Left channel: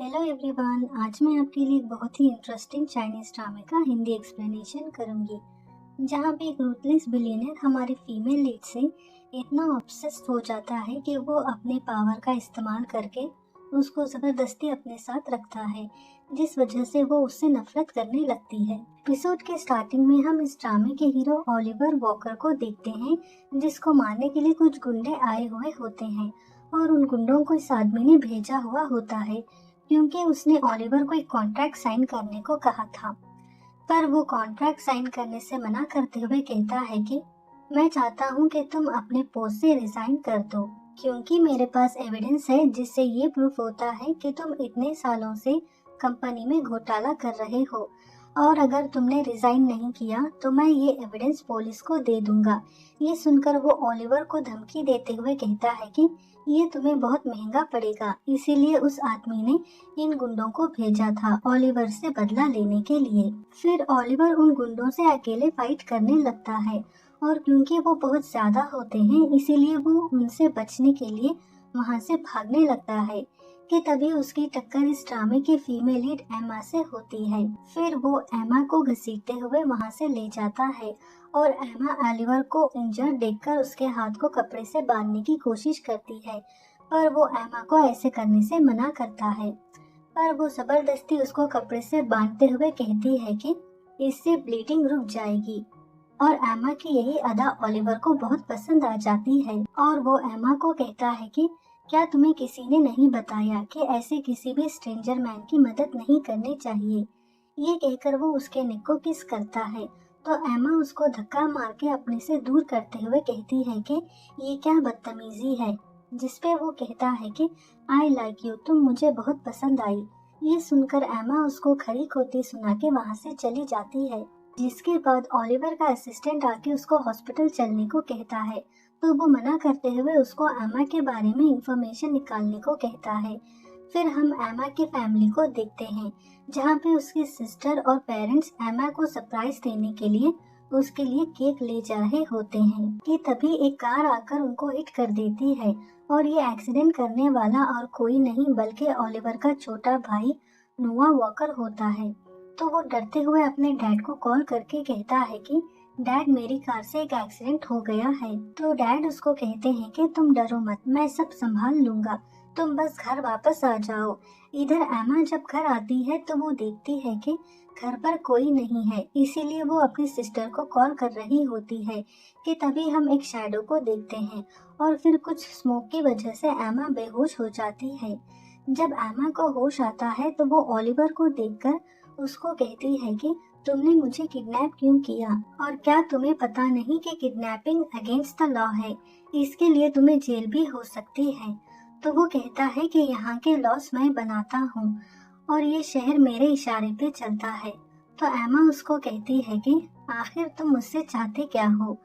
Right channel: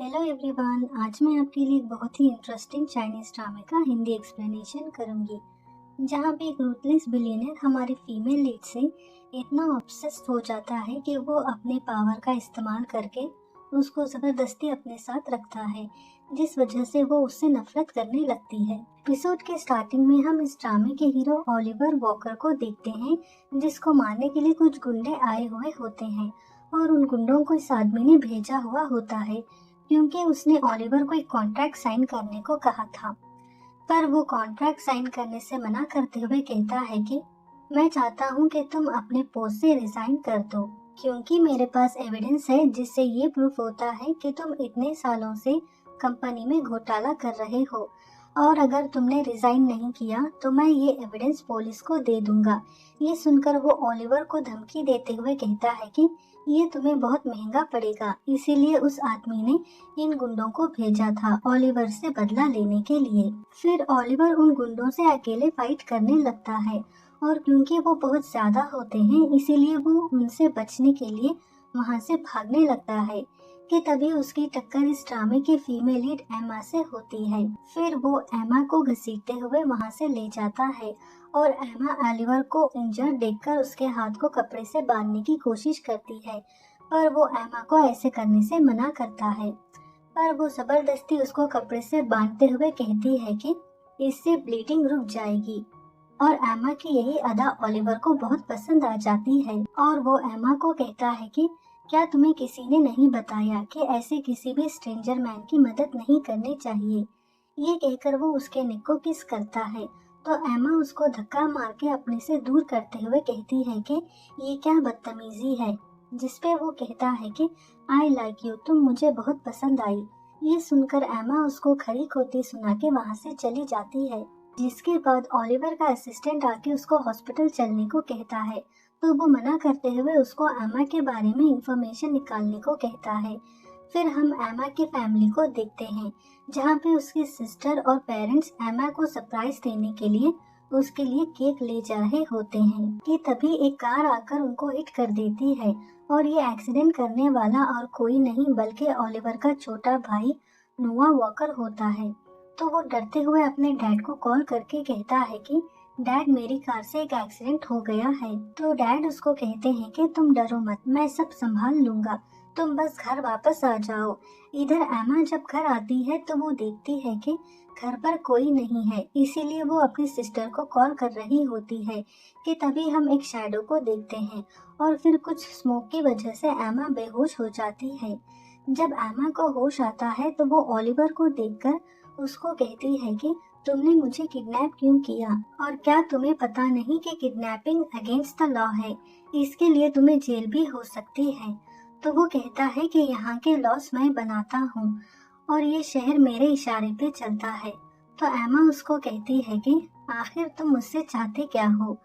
Hello everyone, आज मैं आपके लिए एक बहुत ही इंटरेस्टिंग चाइनीज ड्रामे का हिंदी एक्सप्लेनेशन करूंगी, जहां पे एक रूथलेस बिलियनर हमारे फीमेल लीड से इतना ऑब्सेस्ड हो जाता है कि वो अपने पावर का इस्तेमाल करके उसको जबरदस्ती अपने साथ रखता है, जिस वजह से वो उससे नफरत करने लगती है। एपिसोड के स्टार्टिंग में हम इस ड्रामे के हीरो ओलिवर वॉकर को देखते हैं, जिसको मारने के लिए कुछ गुंडे आए हुए होते हैं और उन गुंडों को इस आदमी ने भेजा हुआ होता है क्योंकि उसने ओलिवर को एक कॉन्ट्रैक्ट साइन करने को कहा था। पर वो कॉन्ट्रैक्ट साइन करने से मना करते हुए कहता है कि मैं चाहता हूँ कि तुम अपने पोस्ट से रिजाइन कर दो, क्योंकि मेरे पास एविडेंस है जिससे ये प्रूफ होता है कि तुम इतने सालों से कंपनी में घोटाला कर रहे हो, और अगर तुमने रिजाइन नहीं किया तो मैं ये एविडेंस पुलिस को दे दूंगा। ये सुनकर वो ओलिवर को धमकी देते हुए कहता है कि ये तुम्हें बहुत महंगा पड़ेगा, इसीलिए उस आदमी ने इन गुंडों को भेजा था ओलिवर से बदला लेने के लिए। फिर ओलिवर उन गुंडों से अकेले फाइट करने लगता है, और क्योंकि वो बहुत ज्यादा होते हैं इसीलिए वो उनसे बचने के लिए वहां से भागने लगता है कि तभी उसकी टक्कर इस ड्रामे के फीमेल लीड एमा से होती है। फिर वो एमा को घसीटते हुए वहां से ले जाता है और एमा ओलिवर को इंजर्ड देखकर उसके हाथ को कपड़े से बांधने की कोशिश करती है, पर वो एमा को ऐसे करने से मना करता है। पर वो जबरदस्ती उसको कपड़े से बांधते हुए कहती है कि इससे ब्लीडिंग रुक जाएगी, और एमा की यही अदा ओलिवर को बहुत पसंद आ जाती है और वो एमा को कहता है कि क्या तुम्हें किसी ने नहीं बताया कि ऐसे किसी भी स्ट्रेंजर मैन की मदद नहीं करनी चाहिए। ये कहकर वो उसके नेक को किस करता है, तो एमा उसको धक्का मार के अपने से दूर करते हुए कहती है कि ये क्या बदतमीजी है, जिसपे वो कहता है कि आई लाइक यू, तुम मुझे बहुत पसंद आई। ये सुनकर एमा उसको खरी खोटी सुना के वहाँ से चली जाती है, जिसके बाद ओलिवर का असिस्टेंट आके उसको हॉस्पिटल चलने को कहता है, तो वो मना करते हुए उसको एमा के बारे में इंफॉर्मेशन निकालने को कहता है। फिर हम एमा की फैमिली को देखते हैं, जहाँ पे उसकी सिस्टर और पेरेंट्स एमा को सरप्राइज देने के लिए उसके लिए केक ले जा रहे होते हैं कि तभी एक कार आकर उनको हिट कर देती है, और ये एक्सीडेंट करने वाला और कोई नहीं बल्कि ओलिवर का छोटा भाई नोआ वॉकर होता है। तो वो डरते हुए अपने डैड को कॉल करके कहता है कि डैड, मेरी कार से एक एक्सीडेंट हो गया है। तो डैड उसको कहते हैं कि तुम डरो मत, मैं सब संभाल लूंगा, तुम बस घर वापस आ जाओ। इधर एमा जब घर आती है तो वो देखती है कि घर पर कोई नहीं है, इसीलिए वो अपनी सिस्टर को कॉल कर रही होती है कि तभी हम एक शैडो को देखते हैं, और फिर कुछ स्मोक की वजह से एमा बेहोश हो जाती है। जब एमा को होश आता है तो वो ओलिवर को देखकर उसको कहती है कि तुमने मुझे किडनैप क्यों किया, और क्या तुम्हें पता नहीं कि किडनैपिंग अगेंस्ट द लॉ है, इसके लिए तुम्हें जेल भी हो सकती है। तो वो कहता है कि यहाँ के लॉस मैं बनाता हूँ और ये शहर मेरे इशारे पे चलता है। तो एमा उसको कहती है कि आखिर तुम मुझसे चाहते क्या हो।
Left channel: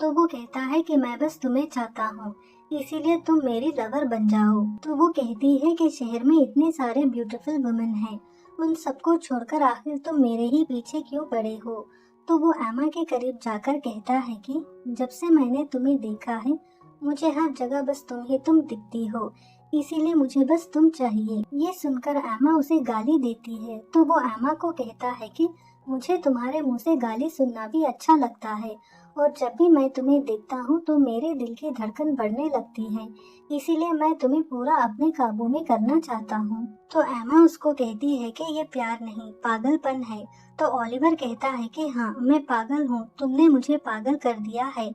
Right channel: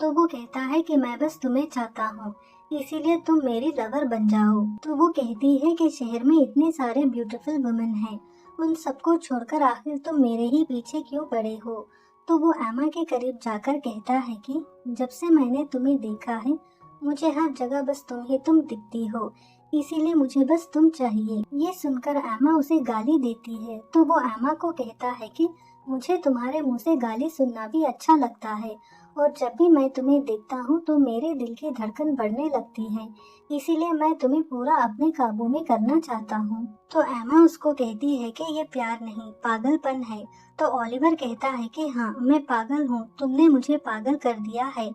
तो वो कहता है कि मैं बस तुम्हें चाहता हूँ, इसीलिए तुम मेरी लवर बन जाओ। तो वो कहती है कि शहर में इतने सारे ब्यूटीफुल वुमेन हैं, उन सबको छोड़कर आखिर तुम मेरे ही पीछे क्यों पड़े हो। तो वो एमा के करीब जाकर कहता है कि जब से मैंने तुम्हें देखा है मुझे हर जगह बस तुम दिखती हो, इसीलिए मुझे बस तुम चाहिए। ये सुनकर एमा उसे गाली देती है, तो वो एमा को कहता है कि मुझे तुम्हारे मुंह से गाली सुनना भी अच्छा लगता है, और जब भी मैं तुम्हें देखता हूँ तो मेरे दिल की धड़कन बढ़ने लगती है, इसीलिए मैं तुम्हें पूरा अपने काबू में करना चाहता हूँ। तो एमा उसको कहती है कि ये प्यार नहीं पागलपन है। तो ओलिवर कहता है कि हाँ, मैं पागल हूँ, तुमने मुझे पागल कर दिया है,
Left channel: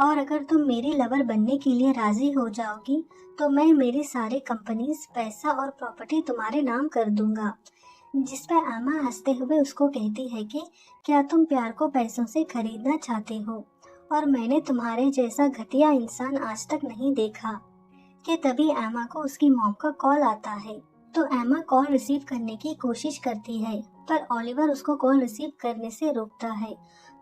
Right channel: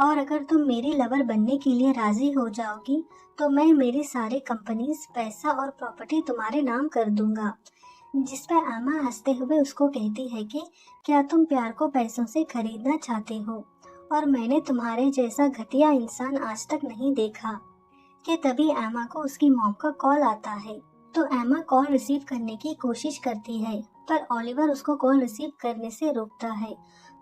और अगर तुम मेरी लवर बनने के लिए राजी हो जाओगी तो मैं मेरी सारी कंपनीज, पैसा और प्रॉपर्टी तुम्हारे नाम कर दूंगा। जिस पर एमा हंसते हुए उसको कहती है कि क्या तुम प्यार को पैसों से खरीदना चाहते हो, और मैंने तुम्हारे जैसा घटिया इंसान आज तक नहीं देखा। कि तभी एमा को उसकी मॉम का कॉल आता है, तो एमा कॉल रिसीव करने की कोशिश करती है, पर ओलिवर उसको कॉल रिसीव करने से रोकता है।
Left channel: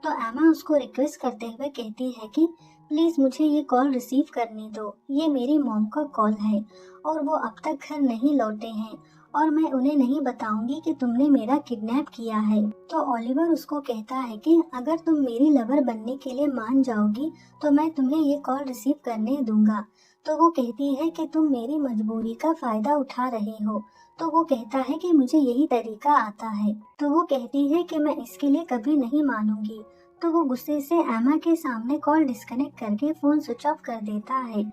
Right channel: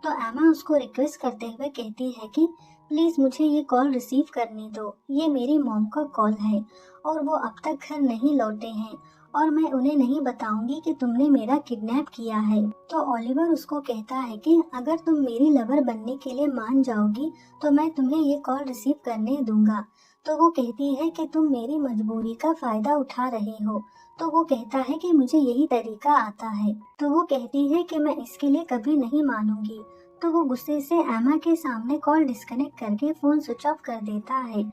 तो एमा उसको रिक्वेस्ट करते हुए कहती है कि प्लीज मुझे ये कॉल रिसीव करने दो, ये मेरी मॉम का कॉल है और वो अब तक घर नहीं लौटे हैं, और मैं उन्हें नहीं बताऊंगी कि तुमने मेरा किडनैप किया है। तो ओलिवर उसको कहता है कि अगर तुम मेरी लवर बनने के लिए मान जाओगी तो मैं तुम्हें ये कॉल रिसीव करने दूंगा। तो वो कहती है कि तुम मेरी मजबूरी का फायदा उठा रहे हो। तो वो कहता है कि मुझे यही तरीका आता है। तो वो कहती है कि मैं इसके लिए कभी नहीं मानूंगी। तो वो गुस्से से एमा के सामने कॉल डिस्कनेक्ट करके फोन स्विच ऑफ कर देता है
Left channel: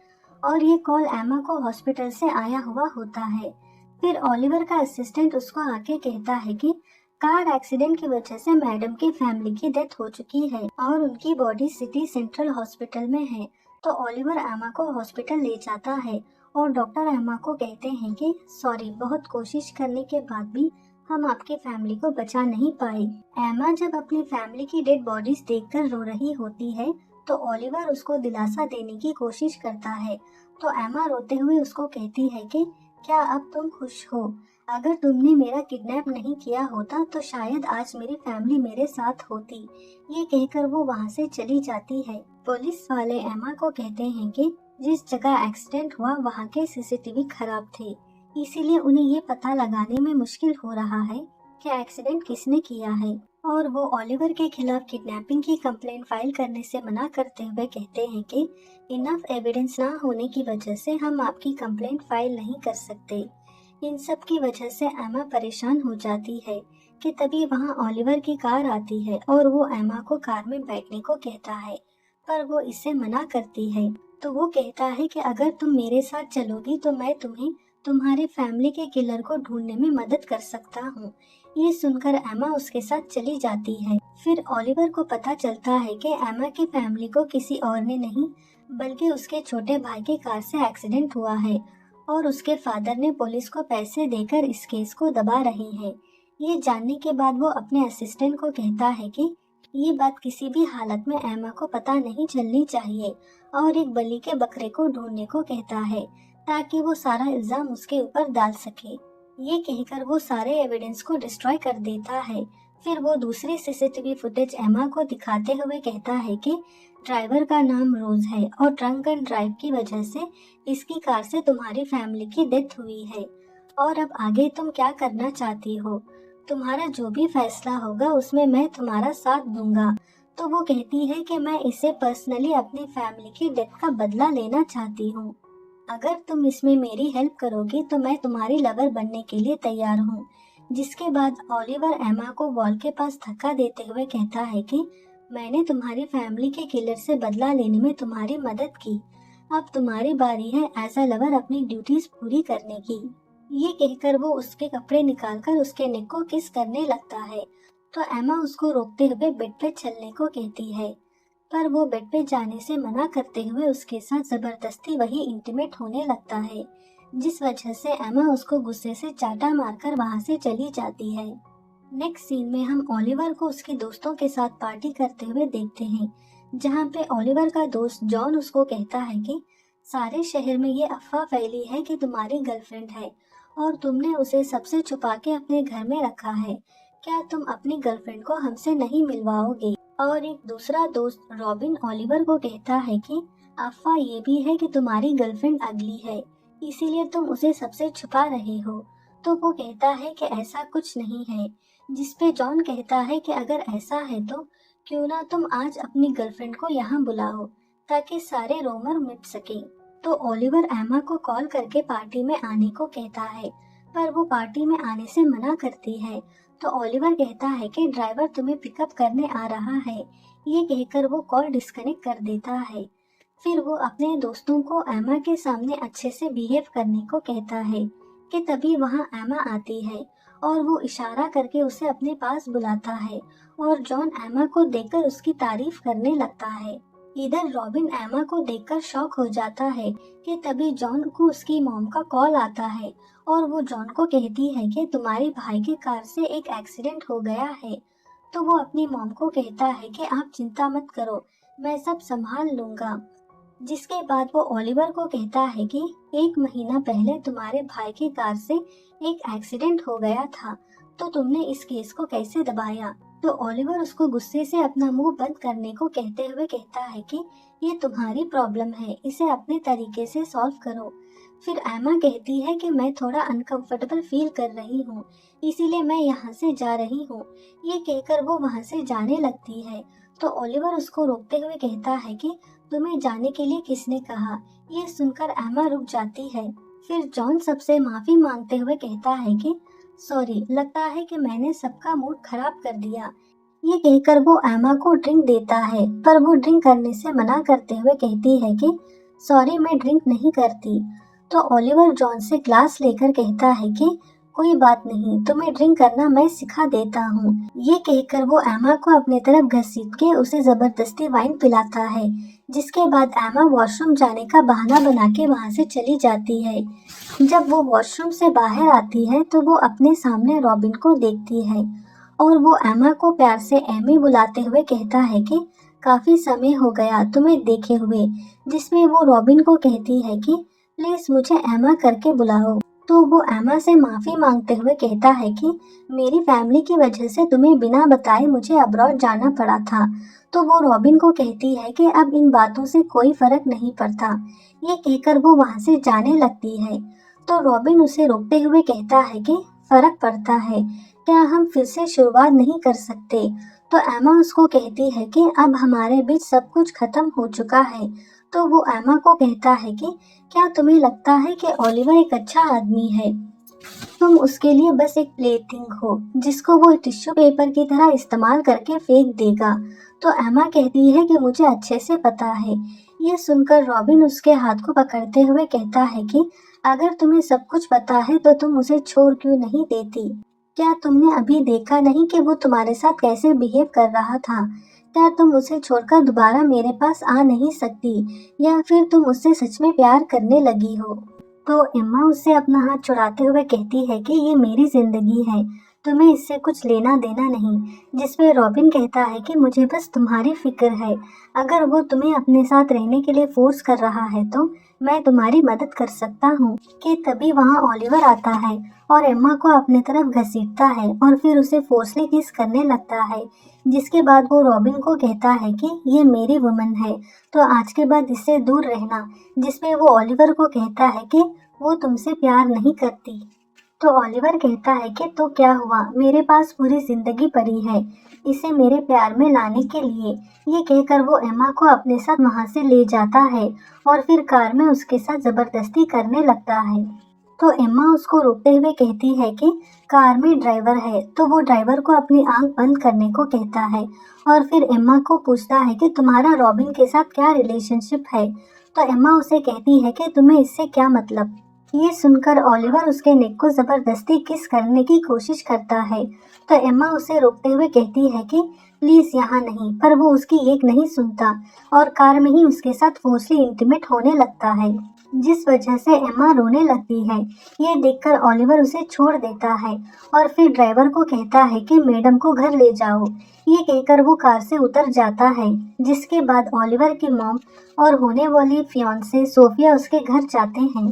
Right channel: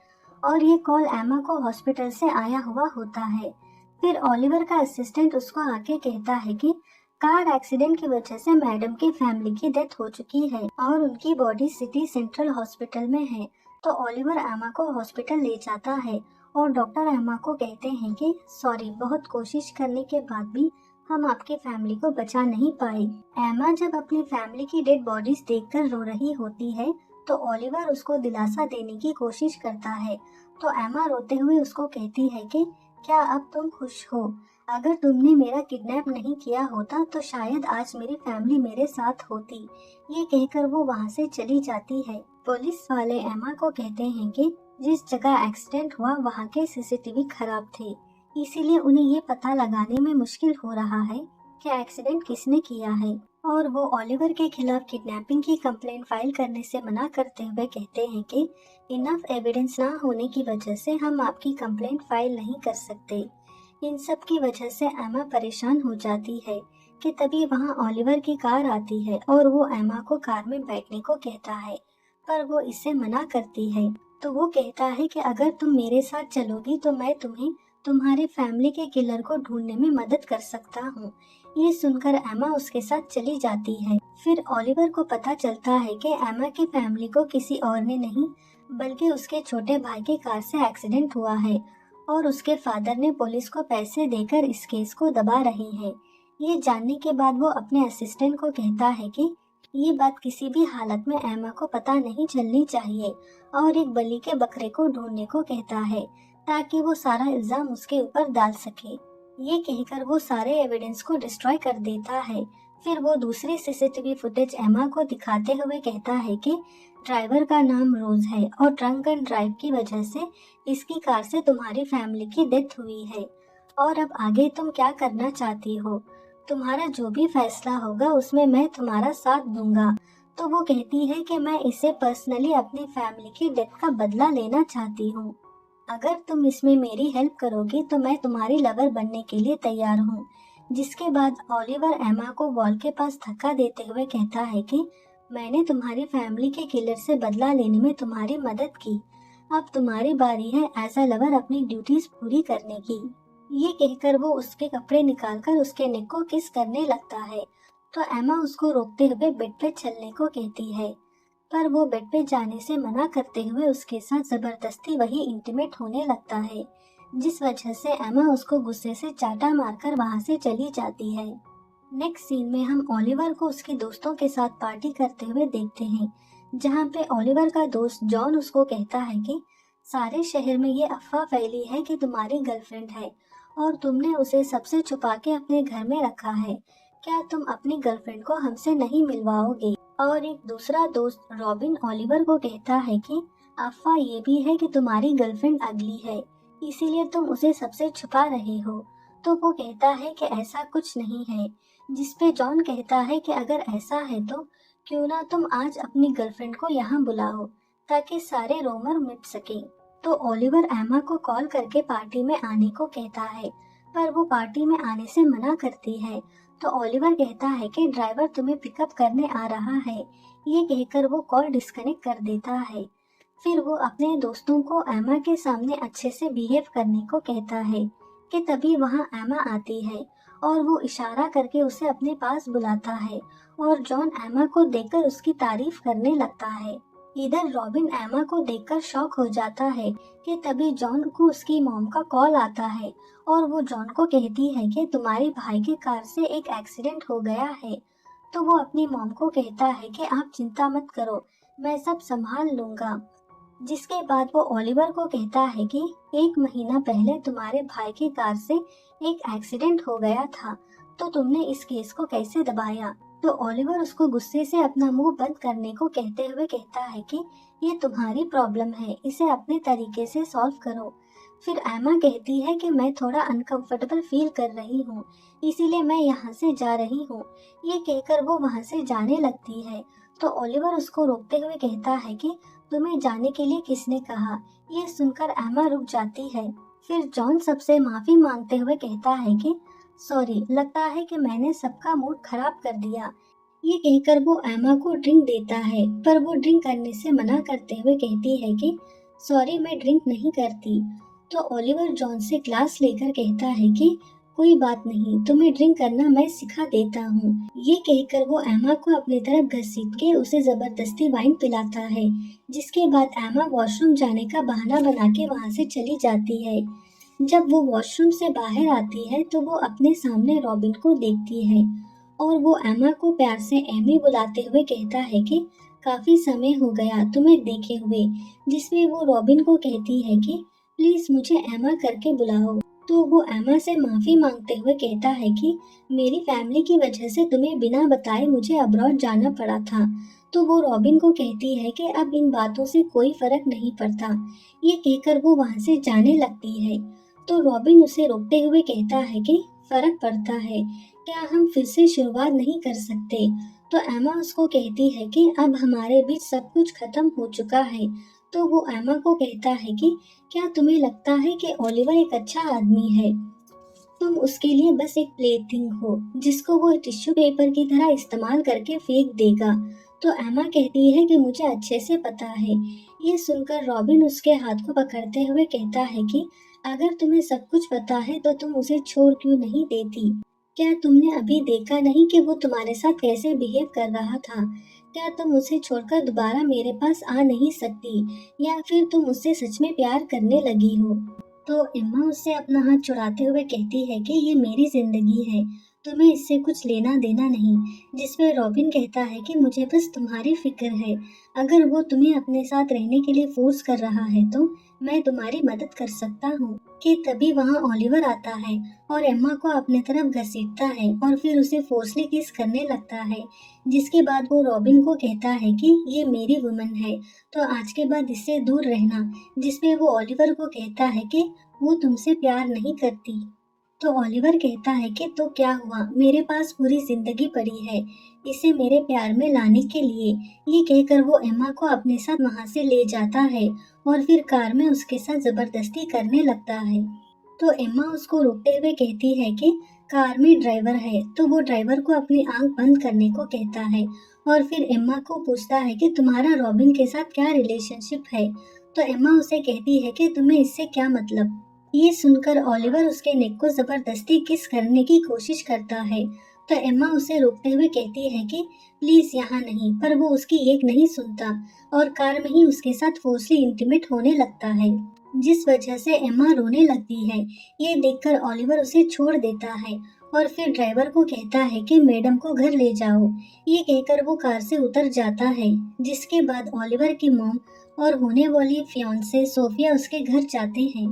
और ये कॉल एमा को हॉस्पिटल से आया हुआ होता है। फिर ओलिवर का असिस्टेंट उसको आके कहता है कि कार एक्सीडेंट की वजह से मैडम की फैमिली की डेथ हो चुकी है और उनकी बॉडी सिटी सेंट्रल हॉस्पिटल में है। तो ओलिवर एमा को हॉस्पिटल ले जाता है और डॉक्टर एमा को कहते हैं कि सॉरी, बहुत कोशिश करने के बाद भी हम आपकी फैमिली को बचा नहीं पाए। एमा जब अपनी फैमिली की डेड बॉडीज देखकर रो रही होती है तो ओलिवर उसको दिलासा देने की कोशिश करता है। तो एमा रोते हुए उसको कहती है कि क्या अब तुम खुश हो? अगर तुमने मेरा किडनैप नहीं किया होता तो शायद आज मेरी फैमिली मेरे साथ होती। ये कहकर वो वहाँ से चली जाती है। पुलिस वाले एमा को कहते हैं कि जिस जगह एक्सीडेंट हुआ वहाँ के सीसीटीवी खराब थे, इसीलिए उन्हें ये पता लगाने में मुश्किल हो रहा है कि एक्सीडेंट किसने किया है। और वो ओलिवर के खिलाफ किडनैपिंग की कंप्लेंट फाइल करने से मना करते हुए कहते हैं कि इनफ एविडेंस ना होने की वजह से हम आपकी कंप्लेंट फाइल नहीं कर सकते। इन सब की वजह से एमा परेशान हो जाती है कि तभी वहाँ ओलिवर की कार आती है और वो एमा को कार में बैठने को कहता है, पर वो इससे मना करती है। तो वो कहता है कि अगर तुम मेरे साथ चलोगी तो मैं तुम्हें तुम्हारे फैमिली के किलर को ढूंढने में मदद कर सकता हूँ। ये सुनकर एमा उसके साथ चली जाती है। फिर ओलिवर को पता चलता है कि एमा की फैमिली को किसी और ने नहीं बल्कि उसके छोटे भाई के कार से एक्सीडेंट हुआ है और उसके फादर ने पुलिस को पैसे देकर इस केस को दबा रहे हैं। ये जानने के बाद वो अपने असिस्टेंट को कहता है कि ये बात किसी भी हालत में एमा को पता नहीं चलनी चाहिए और एक बलि के बकरे को ढूंढने को कहता है ताकि वो सारा इल्जाम उसके ऊपर डाल सके। ये कहकर वो सारे एविडेंस को डिस्ट्रॉय कर देता है। फिर वो दूसरी सीसीटीवी फुटेज एमा को दिखाते हुए कहता है कि ड्राइवर का नाम रोज है और ड्रंक एंड ड्राइव की वजह से इसकी कार से तुम्हारी फैमिली की डेथ हुई है और अब आगे तुम क्या करना चाहती हो? तुम्हारा जो भी फैसला होगा उसमें मैं तुम्हारा साथ दूंगा। तो वो कहती है कि मैं इसे पर्सनली अपनी फैमिली की डेथ का बदला लेना चाहती हूँ। अगर तुम इसमें मेरी हेल्प करोगी तो मैं तुम्हारी लवर बनने के लिए तैयार हूँ। जिसके बाद ओलिवर एमा को वॉल के पास धक्का देते हुए कहता है कि मैंने तुम्हारी फैमिली के किलर से बदला लेने में तुम्हारी मदद की, अब तुम्हारी बारी है एज अ लवर अपनी ड्यूटीज पूरी करने की। ये कहकर वो उसके कपड़े निकालकर उसके नेक को किस करने लगता है। तो एमा उसको रोकते हुए बेड पे चलने को कहती है, पर वो बेड पे जाने से मना करते हुए उसके साथ जबरदस्ती वही इंटीमेट होने लगता है, जिस वजह से एमा उसको गुस्से से चाटा मारकर वहाँ से चली जाती है। नेक्स्ट सीन में हम ओलिवर को उसके दोस्तों के साथ पार्टी करते हुए देखते हैं, जहाँ पे ओलिवर का दोस्त जॉन उसको कहता है कि सारे शहर में ये अफवाह फैली है कि तुम्हारी गर्लफ्रेंड है और तुमने उसे सबसे छुपा के अपने घर में रखा है। क्या तुम अपनी गर्लफ्रेंड को हमसे नहीं मिलवाओगे? और एक दूसरा दोस्त रॉबिन ओलिवर को कहता है कि अफवाह ये भी है कि तुम्हारी गर्लफ्रेंड अगली है, इसीलिए तुम उसे सबसे छुपा रहे हो। तो वो कहता है कि ऐसा कुछ नहीं है, जिसपे जॉन कहता है कि अगर ऐसा है तो क्यों ना तुम आज अपनी गर्लफ्रेंड को यहाँ बुलाओ ताकि सारे रोमर मिट सके। तो ओलिवर एमा को कॉल करके पार्टी में आने को कहता है, पर वो पार्टी में आने से मना करती है। तो ओलिवर कहता है कि ड्राइवर तुम्हें पिकअप करने आ रहा है। ये कहकर वो कॉल डिस्कनेक्ट कर देता है। फिर वो अपने दोस्तों को एमा के सामने अच्छे से बिहेव करने को कहता है कि तभी वहाँ एमा आती है और वो इशारा करके उसे अपने पास बुलाता है और जॉन एमा को देखकर उसकी तारीफ करने लगता है। इधर रॉबिन एमा को देखकर शॉक हो जाता है कि तभी जॉन को उसकी मॉम का कॉल आता है और वो जॉन को कहती है कि तुम्हारे भाई की कार से एक एक्सीडेंट हो गया है। तो वो अपनी मॉम को कहता है कि आप चिंता मत करो, मैं सब संभाल लूंगा। जिसके बाद वो ओलिवर को कहता है कि 1 महीना पहले तुम्हारे भाई की कार से एक एक्सीडेंट हो गया था, तो तुमने इस केस को कैसे दबाया? तो ओलिवर उसको गुस्से से अपना मुंह बंद करने को कहते हुए कहता है कि ये तुम्हारी प्रॉब्लम है, इसे अपने तरीके से सॉल्व करो। फिर एमा कहती है कि मैं थोड़ा अनकंफर्टेबल फील कर रही हूँ, इसीलिए मैं यहाँ से जा रही हूँ। ये कहकर वो वहाँ से जाने लगती है। तो ओलिवर उसको रोकते हुए कहता है कि तुम्हें जाने के लिए किसने कहा? ये सुनकर एमा रुक जाती है। फिर जॉन सबसे माफी मांगते हुए कहता है कि सॉरी, लगता है कि मैंने सबका मूड खराब कर दिया। ये कहकर वो एमा को ड्रिंक देता है, पर वो ड्रिंक करने से मना करते हुए कहती है कि सॉरी, मैं ड्रिंक नहीं करती। तो ओलिवर जॉन से ग्लास लेकर कहता है कि कोई बात नहीं, तुम्हें ड्रिंक करना मैं सिखा देता हूँ। ये कहकर वो एमा को अपने तरफ घसीट के उसे जबरदस्ती वाइन पिलाता है, जिसके बाद एमा वॉशरूम जाने का बहाना बना के वहाँ से चली जाती है। जब वो वॉशरूम से बाहर आती है तो वो अपने सामने रॉबिन को देखती है और वो एमा को प्यार से एमी बुलाते हुए कहता है कि काफी समय हो गया तुम्हें देखे हुए, जिसमें वो रॉबिन को कहती है कि प्लीज मुझे एमा करके बुलाओ। तो वो एमा से माफी मांगते हुए कहता है कि मेरी फैमिली की वजह से तुम्हें बिना बताए मुझे अब्रॉड जाना पड़ा था। तो वो रॉबिन को कहती है कि अब इन बातों से कोई फर्क नहीं पड़ता। ये कहकर वो वहाँ से जाने लगती है। तो रॉबिन उसे रोकते हुए कहता है कि फर्क पड़ता है, क्या हम फिर से शुरुआत नहीं कर सकते। तो एमा उसको कहती है कि अब हमारे बीच सब कुछ खत्म हो चुका है। तो वो एमा को कहता है कि क्या तुम्हें लगता है कि ओलिवर एक अच्छा आदमी है? तुम उसके लिए बस एक प्लेथिंग हो जिसको वो टिश्यू पेपर की तरह इस्तेमाल करके फेंक देगा। तो एमा कहती है कि मुझे अच्छे से पता है। ये सुनकर रॉबिन उसके हाथ को पकड़ते हुए कहता है कि अगर तुम्हें सब कुछ पता है तो तुम उसे छोड़ क्यों नहीं देती? क्या तुमने अभी देखा नहीं कि वो तुम्हारे साथ कैसे बिहेव कर रहा था? क्या तुम उसे छोड़कर दोबारा मेरे पास आ नहीं सकती, या फिर तुम उससे सच में प्यार करने लगी हो? तो एम्मा उससे अपना हाथ छुड़ाते हुए कहती है कि ये मेरी जिंदगी है, तुम्हें इससे कुछ लेना देना नहीं। जिसपे रॉबिन कहता है कि मुझे बस तुम्हारी फिक्र है, अगर वो तुम्हें अपने साथ रहने के लिए फोर्स कर रहा है तो मैं तुम्हारी मदद कर सकता हूँ। कि तभी वहाँ ओलिवर आता है और एम्मा को अपने तरफ घसीटता है और फिर उसे फोर्सली किस करने लगता है। जिसके बाद वो रॉबिन को कहता है कि ये मेरी वुमन है, तो आज के बाद इससे दूर रहना। जिसपे वो ओलिवर को कहता है कि वो तुमसे प्यार नहीं करती। तो ओलिवर कहता है कि तो क्या हुआ, मेरे पास पूरी जिंदगी पड़ी है इसे मेरे प्यार में लाने के लिए। ये कहकर वो एम्मा को अपने साथ वहाँ से ले जाता है और फिर कार में उसके साथ जबरदस्ती करने लगता है। तो एम्मा उसको रोकते हुए कहती है कि कार में ड्राइवर है। तो वो ड्राइवर को अपनी आंख बंद करने को कहता है और फिर एम्मा को पूछता है कि तुम्हारा रॉबिन के साथ क्या रिलेशनशिप है। तो एम्मा उसे कहती है कि तुम्हें इससे क्या मतलब। ये सुनकर ओलिवर उसके नेक को जबरदस्ती किस करने की कोशिश करता है। तो एम्मा उसे रोकते हुए कहती है कि प्लीज यहाँ नहीं, पर वो उसकी एक नहीं सुनता और कार में ही उसके साथ फोर्सली इंटीमेट होने लगता है, जिस वजह से एम्मा रोने लगती है। ये देखकर ओलिवर उसे छोड़ देता है और फिर ड्राइवर को कहता है कि मैडम को घर ले जाओ। ये कहकर वो कार से उतर जाता है। जिसके बाद ओलिवर की मॉम और होने वाली फियांसे सोफिया उसके घर जाते हैं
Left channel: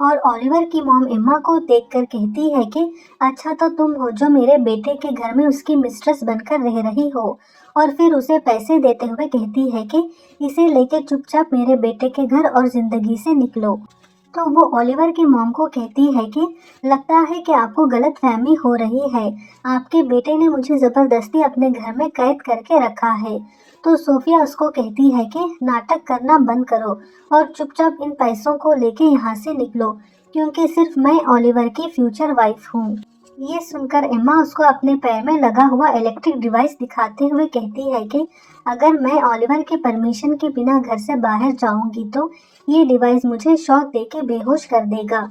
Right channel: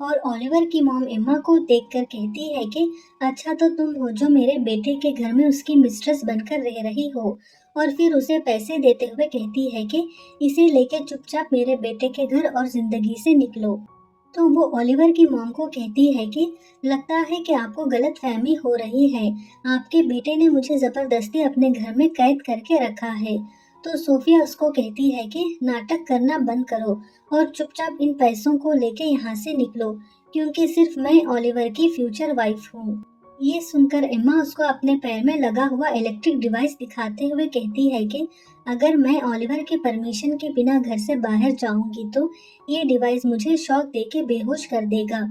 और ओलिवर की मॉम एम्मा को देखकर कहती है कि अच्छा तो तुम हो जो मेरे बेटे के घर में उसकी मिस्ट्रेस बनकर रह रही हो। और फिर उसे पैसे देते हुए कहती है कि इसे लेके चुपचाप मेरे बेटे के घर और जिंदगी से निकलो। तो वो ओलिवर की मॉम को कहती है कि लगता है कि आपको गलतफहमी हो रही है, आपके बेटे ने मुझे जबरदस्ती अपने घर में कैद करके रखा है। तो सोफिया उसको कहती है कि नाटक करना बंद करो और चुपचाप इन पैसों को लेके यहाँ से निकलो, क्योंकि सिर्फ मैं ओलिवर की फ्यूचर वाइफ हूँ। ये सुनकर एम्मा उसको अपने पैर में लगा हुआ इलेक्ट्रिक डिवाइस दिखाते हुए कहती है कि अगर मैं ओलिवर के परमिशन के बिना घर से बाहर जाऊंगी तो ये डिवाइस मुझे शॉक देके बेहोश कर देगा।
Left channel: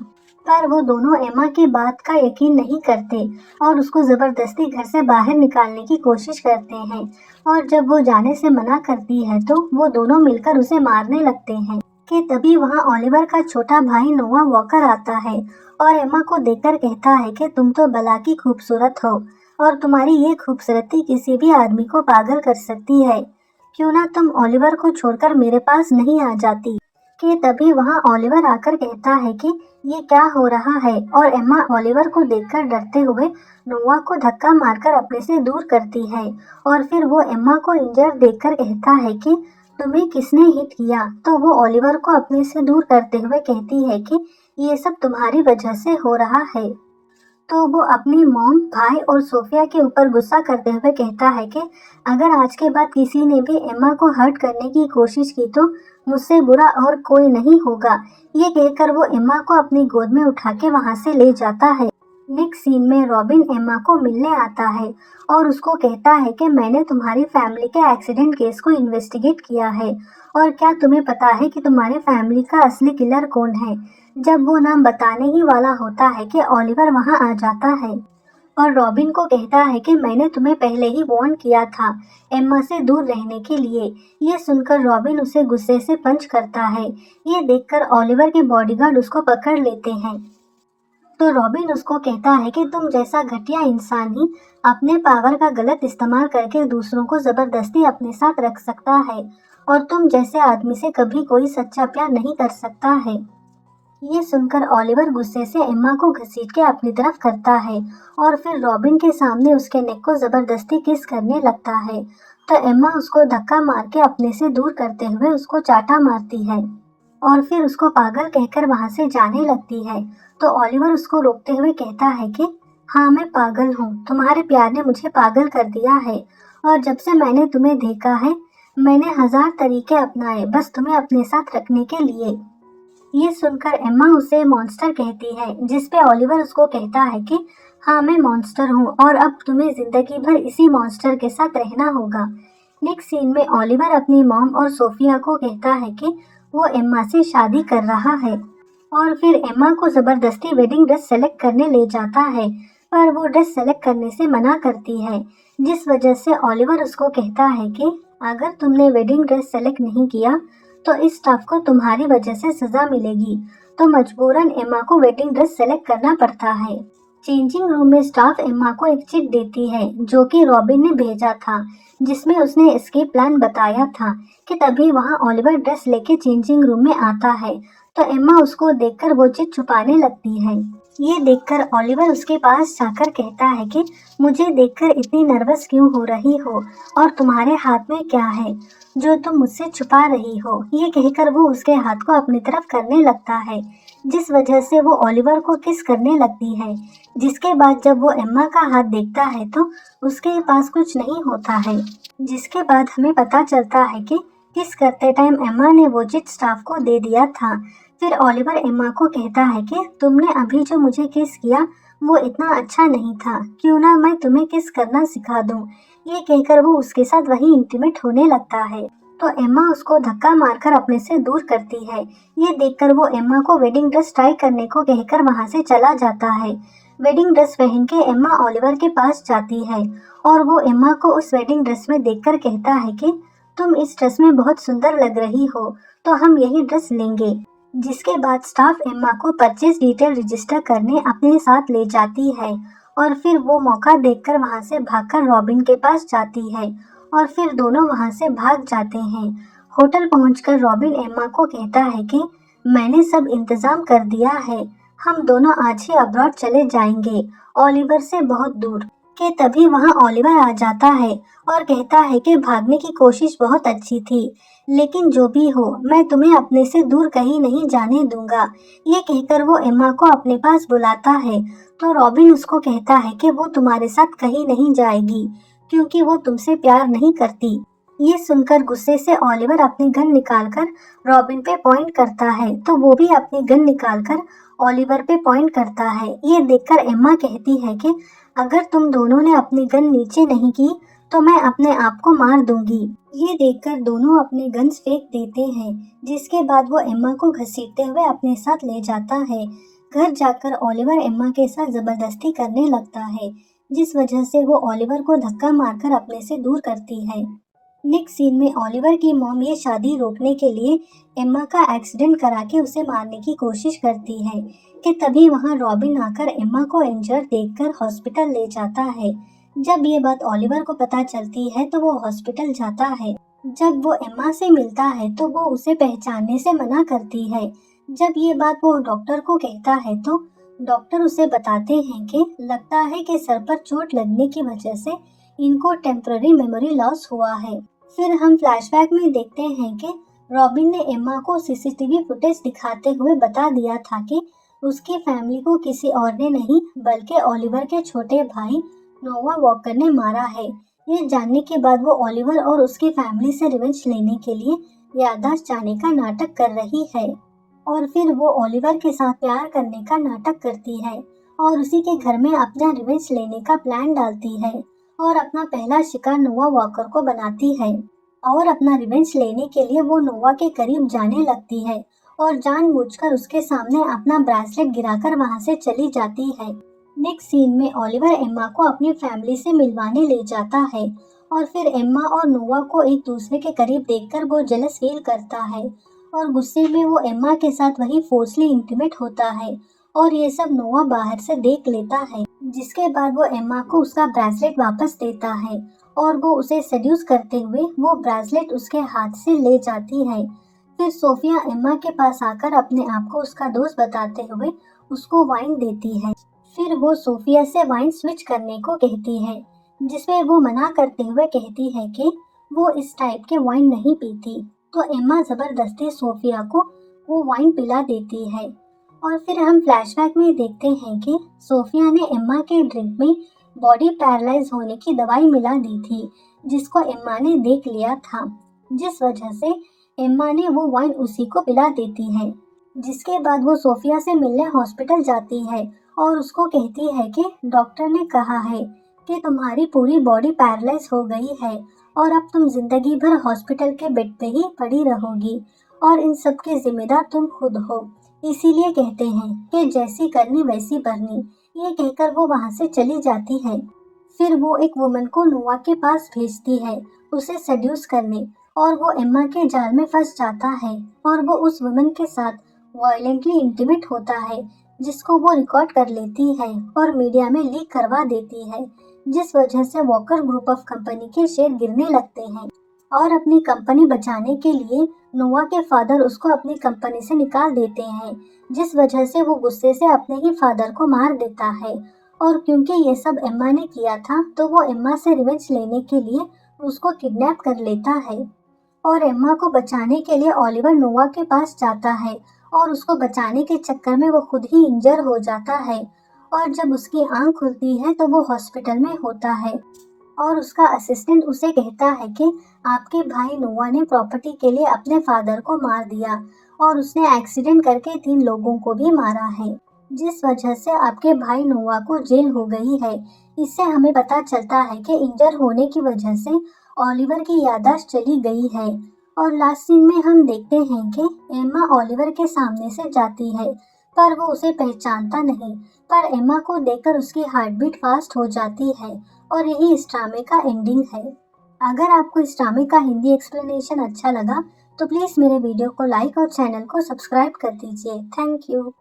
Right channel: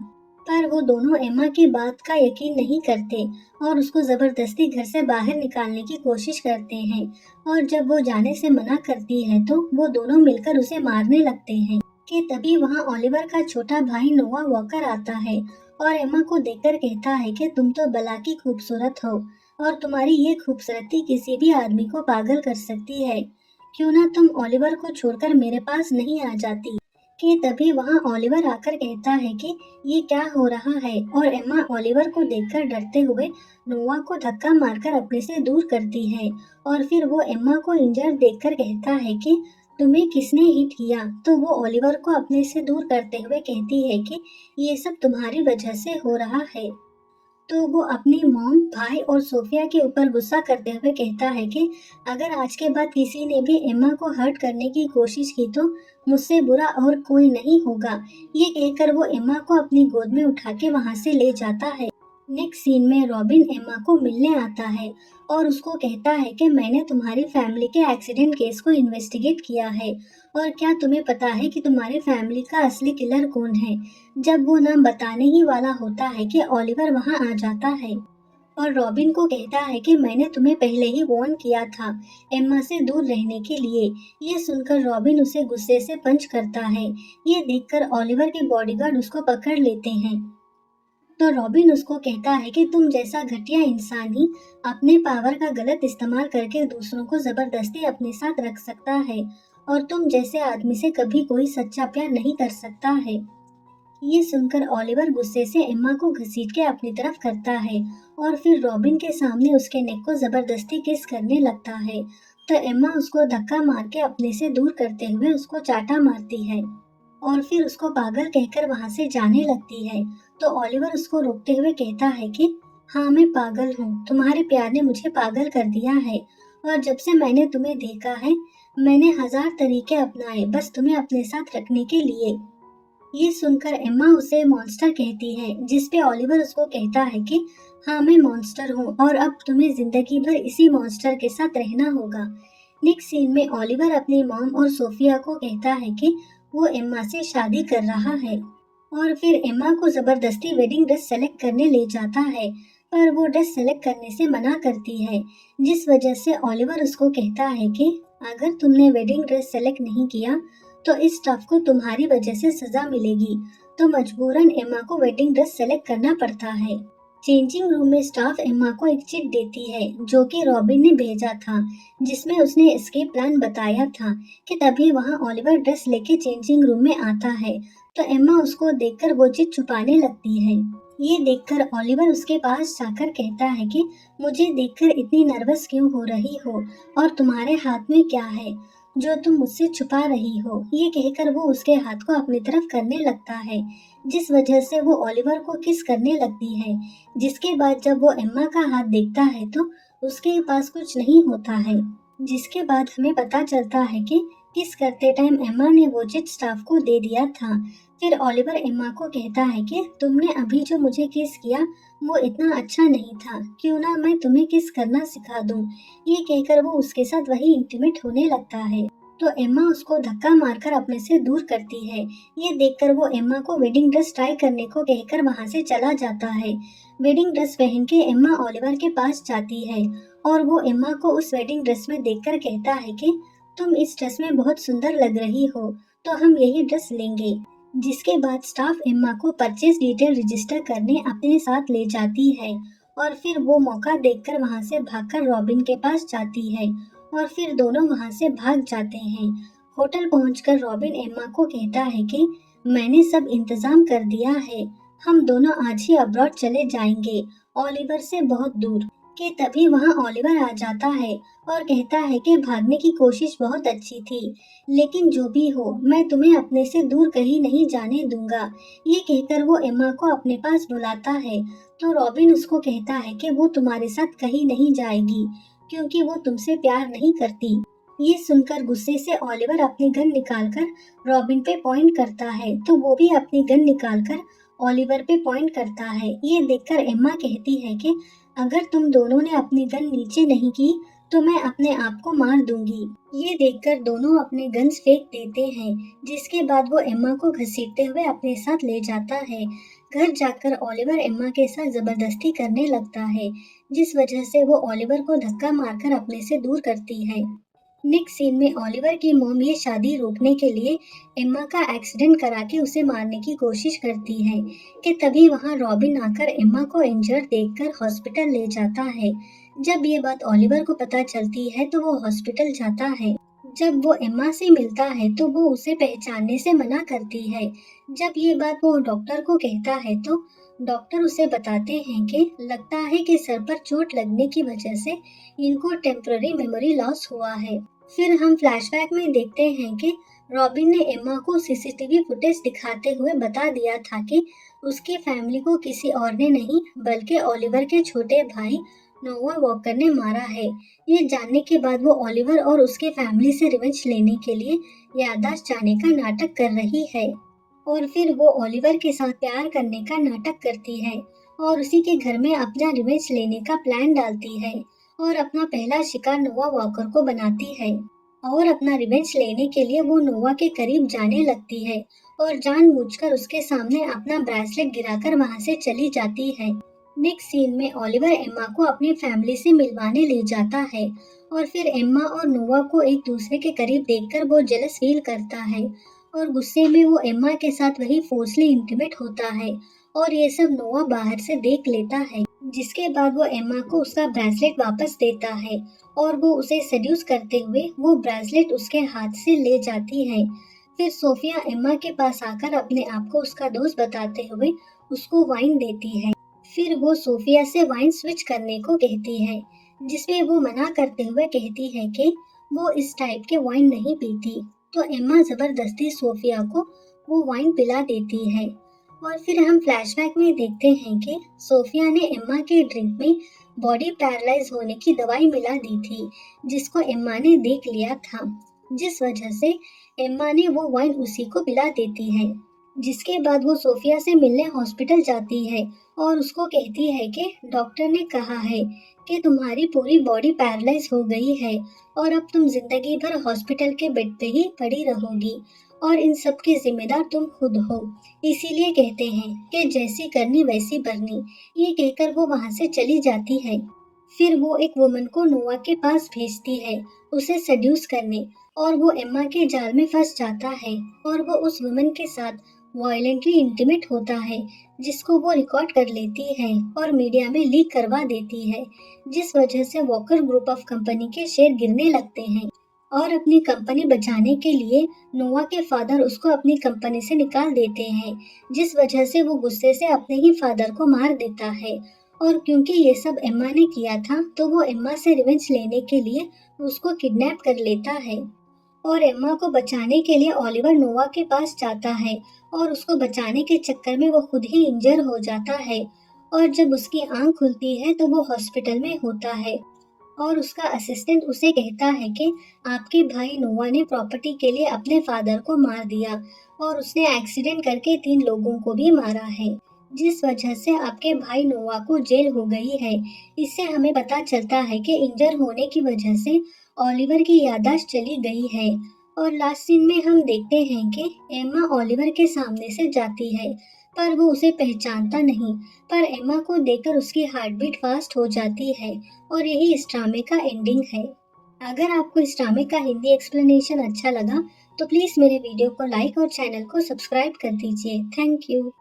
पर वो दोनों एम्मा के बात का यकीन नहीं करते और उसको जबरदस्ती घर से बाहर निकालने की कोशिश करते हैं। और जब वो जाने से मना करती है तो वो दोनों मिलकर उसे मारने लगते हैं। कि तभी वहाँ ओलिवर का छोटा भाई नोआ वॉकर आता है और एम्मा को देखकर कहता है कि तुम तो भला की खूबसूरत हो और तुम्हारी ये खूबसूरती किसी भी आदमी को पागल कर सकती है, क्यों ना तुम ओलिवर को छोड़कर मेरे पास नहीं आ जाती। कि तभी वहाँ ओलिवर आकर कहता है कि ये क्या हो रहा है और एम्मा ओलिवर को देखकर डरते हुए नोआ को धक्का मारकर अपने से दूर करती है। और फिर वो एम्मा को इंजर देखकर कहता है कि तुम्हें किसने हिट किया। तो वो ओलिवर को अपने से दूर करते हुए कहती है कि ये सब तुम्हारी वजह से हो रहा है। तो वो अपनी मॉम, भाई और सोफिया के ऊपर गुस्सा करते हुए कहता है कि अगर आज के बाद किसी ने भी एम्मा को हर्ट करने की कोशिश की तो मुझसे बुरा और कोई नहीं होगा। ये कहकर वो एम्मा को अपनी गोद में उठा के वहाँ से ले जाता है। नेक्स्ट सीन में रॉबिन एम्मा को मिलने आता है और उसको कहता है कि मैंने तुम्हारी फैमिली के एक्सीडेंट केस को इन्वेस्टिगेट किया है और क्या तुम्हें पता है कि तुम्हारी फैमिली का असली किलर कौन है। जब वो नाम बताने ही वाला होता है कि ओलिवर वहां आ जाता है और रॉबिन को कहता है कि मैंने तुम्हें पहले ही वार्न किया था एम्मा से दूर रहने के लिए। ये सुनकर रॉबिन उसे गुस्से से पंच करता है। ये देखकर ओलिवर के बॉडीगार्ड उसको पकड़ लेते हैं। तो रॉबिन उसको कहता है कि तुम जैसा घटिया इंसान ही अपने पावर का गलत इस्तेमाल करके दूसरों को जबरदस्ती अपने साथ रख सकता है और तुम जैसे आदमी से कभी कोई सच्चा प्यार नहीं कर सकता है। ये सुनकर ओलिवर गुस्से से एम्मा को घसीट के अपनी तरफ करता है और फिर रॉबिन के सामने उसके नेक को जबरदस्ती किस करने लगता है। तो एम्मा उसको धक्का मार के अपने से दूर करते हुए उसको चाटा मारती है और फिर उसको पागल कहकर वहां से जाने लगती है। तो ओलिवर उसको रोकते हुए कहता है कि हाँ, मैं पागल हूँ, तुम्हारे प्यार ने मुझे पागल कर दिया है और जब से मैंने तुम्हें देखा है मैंने 1000 तरीके अपनाए बस तुम्हें अपने साथ रखने के लिए। ये सुनकर एम्मा उसे मॉन्स्टर कहती है, जिस पे ओलिवर उसको कहता है कि हाँ, मैं मॉन्स्टर हूँ और अब तुम्हें जिंदगी भर इसी मॉन्स्टर के साथ रहना होगा। नेक्स्ट सीन में ओलिवर अपनी मॉम और सोफिया को कहता है कि वो एम्मा से शादी कर रहा है और फिर एम्मा को जबरदस्ती वेडिंग ड्रेस सेलेक्ट करने ले जाता है, पर वो ड्रेस सेलेक्ट करने से मना करती है, जिस वजह से ओलिवर उसको कहता है कि अगर तुमने वेडिंग ड्रेस सेलेक्ट नहीं किया तो इस स्टाफ को तुम्हारी वजह से सजा मिलेगी। तो मजबूरन एम्मा को वेडिंग ड्रेस सेलेक्ट करना पड़ता है। चेंजिंग रूम में स्टाफ एम्मा को एक चिट देती है जो कि रॉबिन ने भेजा था, जिसमें उसने एस्केप प्लान बताया था कि तभी वहां ओलिवर ड्रेस लेके चेंजिंग रूम में आता है। तो एम्मा उसको देखकर वो चिट छुपाने लगती है। ये देखकर ओलिवर उसके पास जाकर कहता है कि मुझे देखकर इतनी नर्वस क्यों हो रही हो और तुम्हारे हाथ में क्या है जो तुम मुझसे छुपा रही हो। ये कहकर वो उसके हाथ को अपनी तरफ करने लगता है, जिस वजह से वो ओलिवर को किस करने लगती है। जिसके बाद जब वो एम्मा का हाथ देखता है तो उसके पास कुछ नहीं होता है, जिसके बाद हमें पता चलता है कि किस करते टाइम एम्मा ने वो चिट स्टाफ को दे दिया था। फिर ओलिवर एम्मा को कहता है कि तुमने अभी जो मुझे किस किया वो इतना अच्छा नहीं था, क्यों ना मैं तुम्हें किस करना सिखा दूं। ये कहकर वो उसके साथ वही इंटीमेट होने लगता है। तो एम्मा उसको धक्का मारकर अपने से दूर करती है। ये देखकर वो एम्मा को वेडिंग ड्रेस ट्राई करने को कहकर वहां से चला जाता है। वेडिंग ड्रेस पहन के एम्मा ओलिवर के पास जाती है और वो एम्मा को उस वेडिंग ड्रेस में देखकर कहता है कि तुम इस ड्रेस में बहुत सुंदर लग रही हो, तो हम यही ड्रेस लेंगे। जिसके बाद स्टाफ एम्मा को परचेज डिटेल रजिस्टर करने अपने साथ ले जाती है और फिर वो मौका देखकर वहां से भागकर रॉबिन के पास जाती है और फिर दोनों वहां से भाग जाते हैं। होटल पहुंचकर रॉबिन एम्मा को कहता है कि मैंने सब इंतजाम कर दिया है, हम दोनों आज ही अब्रॉड चले जाएंगे ओलिवर से बहुत दूर। के तभी वहां ओलिवर आ जाता है और कहता है कि भागने की कोशिश बहुत अच्छी थी, लेकिन जो भी हो मैं तुम्हें अपने से दूर कहीं नहीं जाने दूंगा। ये कहकर वो एम्मा को अपने पास बुलाता है। तो रॉबिन उसको कहता है कि वो तुम्हारे साथ कहीं नहीं जाएगी क्योंकि वो तुमसे प्यार नहीं करती। ये सुनकर गुस्से से ओलिवर अपनी गन निकालकर रॉबिन पे पॉइंट करता है, तो वो भी अपनी गन निकालकर ओलिवर पे पॉइंट करता है। ये देखकर एम्मा कहती है कि अगर तुम दोनों ने अपनी गन नीचे नहीं की तो मैं अपने आप को मार दूंगी। ये देखकर दोनों अपने गन्स फेंक देते हैं, जिसके बाद वो एम्मा को घसीटते हुए अपने साथ ले जाता है। घर जाकर ओलिवर एम्मा के साथ जबरदस्ती करने लगता है, जिस वजह से वो ओलिवर को धक्का मारकर अपने से दूर करती है। नेक्स्ट सीन में ओलिवर की मॉम ये शादी रोकने के लिए एम्मा का एक्सीडेंट करा के उसे मारने की कोशिश करती है कि तभी वहां रॉबिन आकर एम्मा को इंजर्ड देखकर हॉस्पिटल ले जाता है। जब ये बात ओलिवर को पता चलती है तो वो हॉस्पिटल जाता है। जब वो एम्मा से मिलता है तो वो उसे पहचानने से मना करती है। जब ये बात वो डॉक्टर को कहता है तो डॉक्टर उसे बताते हैं कि लगता है कि सर पर चोट लगने की वजह से इनको टेम्पररी मेमोरी लॉस हुआ है। फिर हम फ्लैशबैक में देखते हैं कि रॉबिन ने एम्मा को सीसीटीवी फुटेज दिखाते हुए बता दिया था कि उसकी फैमिली को किसी और ने नहीं बल्कि ओलिवर के छोटे भाई नोवा वॉकर ने मारा है। ये जानने के बाद वो ओलिवर और उसकी फैमिली से रिवेंज लेने के लिए याददाश्त जाने का नाटक कर रही है और फिर वो ओलिवर के साथ प्यार करने का नाटक करती है और उसी के घर में अपना रिवेंज लेने का प्लान डालती है और अपना पहला शिकार नोवा वॉकर को बनाती है और अपना रिवेंज लेने के लिए वो नोवा के करीब जाने लगती है और जानबूझकर उसके सामने अपना ब्रेसलेट गिराकर वहां से चली जाती है। नेक्स्ट सीन में ओलिवर एम्मा को अपनी फैमिली से मिलवाने ले जाता है और फिर एम्मा और नोवा को एक दूसरे के करीब देखकर वो जेलस फील करता है और गुस्से में वो एम्मा के साथ वही फोर्सली इंटीमेट होता है और ये सब नोवा बाहर से देख लेता है, जिसके बाद वो एम्मा को उसका ब्रेसलेट वापस देता है और वो उसे सेड्यूस करते हुए वो ब्रेसलेट उसके हाथ से ले जाती है। फिर सोफिया एम्मा के पास आकर अपने आप को उसका दोस्त बताते हुए उसको वाइन देती है। फिर वो सोफिया से वाइन स्विच करने को कहती है, जिसमें वो मना करते हुए कहती है कि वो इस टाइप के वाइन नहीं पीती। तो एम्मा जबरदस्ती सोफिया को वो वाइन पिला देती है और फिर हम फ्लैशबैक में देखते हैं कि सोफिया ने एम्मा के ड्रिंक में बॉडी पैरालाइज होने की दवाई मिला दी थी, जिसको एम्मा ने देख लिया था, जिस वजह से एम्मा ने वो वाइन उसी को पिला देती है। जिसके बाद वो सोफिया से मिलने हॉस्पिटल जाती है और उसको कहती है कि डॉक्टर ने कहा है कि तुम्हारी पूरी बॉडी पैरालाइज हो गई है और अब तुम जिंदगी भर हॉस्पिटल के बेड पे ही पड़ी रहोगी और इन सब की जिम्मेदार तुम खुद हो, इसीलिए कहते हैं कि जैसी करनी वैसी भरनी। ये कहकर वो वहाँ से चली जाती है। फिर वो एक वुमन को नोवा के पास भेजती है उसे सेड्यूस करने और वो एम्मा के जाल में फंस जाता है और वो उस वुमन के साथ वायलेंटली इंटीमेट होता है, जिसको वो रिकॉर्ड कर लेती है और मीडिया में लीक करवा देती है, जिस वजह से वॉकर ग्रुप ऑफ कंपनी के शेयर गिरने लगते हैं और अपनी कंपनी बचाने के लिए नोवा के फादर उसको अपनी कंपनी से निकाल देते हैं, जिस वजह से वो गुस्से से अपने ही फादर को मार देता है। और क्योंकि ये सब एम्मा ने किया था तो वो एम्मा से रिवेंज लेने के लिए उसको किडनैप कर लेता है और एम्मा को बचाने के लिए ओलिवर नोवा के पास जाता है और उसको बचाने के चक्कर में वो खुद ही इंजर हो जाता है और जब उसकी आंख खुलती है तो वो हॉस्पिटल में होता है और उसका असिस्टेंट उसे कहता है कि आपके भाई नोवा ने प्रॉपर्टी के लिए अपने फादर को मार दिया और उसने एक्सीडेंट करके 3 लोगों को भी मारा है, जिस वजह से आपके भाई नोवा को जेल हो गई है। इससे हमें पता चलता है कि इंजर होने की वजह से ओलिवर की याददाश्त चली गई है और लास्ट सीन में हम देखते हैं कि एम्मा ओलिवर के सामने से जाती है पर वो उसे पहचानता नहीं, पर एम्मा को देखकर उसकी हार्ट बीट फास्ट हो जाती है और यही इस ड्रामे का एंडिंग है। अगर आपको इस ड्रामे का हिंदी एक्सप्लेनेशन अच्छा लगा तो प्लीज़ मेरे वीडियो को लाइक और चैनल को सब्सक्राइब कर दीजिए। Thank you.